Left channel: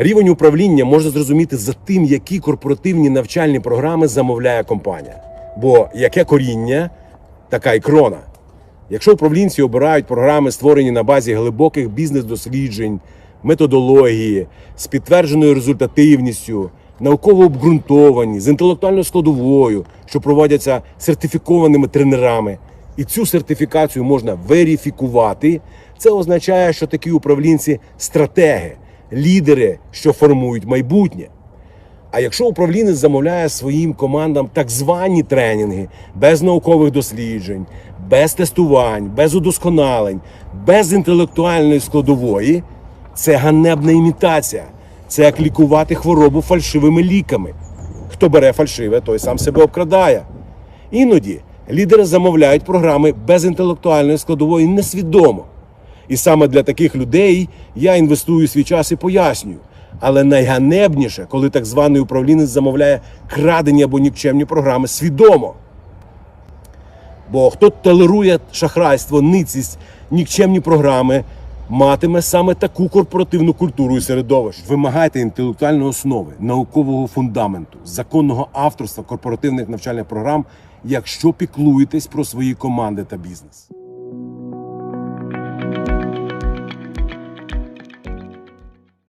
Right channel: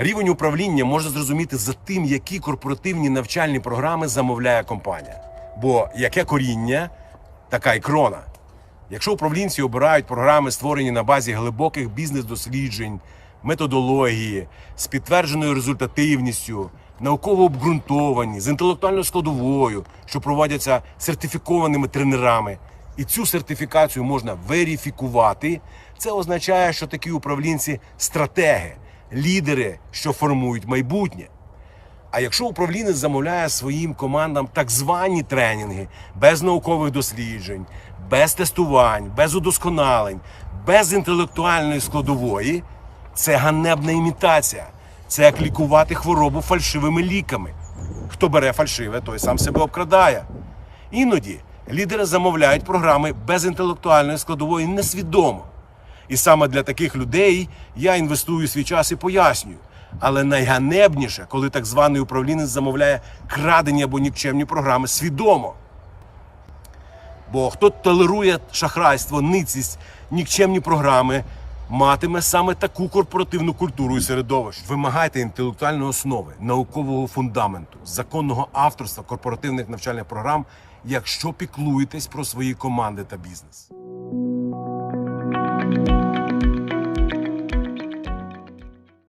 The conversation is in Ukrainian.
Рівень управління можна зрозуміти за тим, які корпоративні навчальні програми замовляє компанія. Бо яке коріння, така й крона. Якщо управлінці обирають програми, створені на базі глибоких бізнес-досліджень, методології, з підтвердженою результативністю, науково обґрунтовані, з інтелектуальною складовою, що проводяться сертифікованими тренерами, і цю сертифікацію можна верифікувати, це означає, що такі управлінці стратеги, лідери, що формують майбутнє. А якщо управлінець замовляє своїм командам так звані тренінги без наукових досліджень, без тестувань, без удосконалень, без інтелектуальної складової, це ганебна імітація. Це як лікувати хворобу фальшивими ліками. Хто бере фальшиве, той сам себе обкрадає. Іноді лідери замовляють програми без інтелектуальної складової несвідомо. І саме для таких людей я інвестую свій час і пояснюю. Але найганебніше, коли так званий управлінець замовляє крадені або нікчемні програми свідомо. Бо хто толерує шахрайство, ницість, нікчемні програми, матиме саме таку корпоративну культуру і середовище. Вимагайте інтелектуальної основи, наукового фундаменту, законного авторства корпоративних навчальних програм, якщо піклуєтесь про свої команди та бізнес.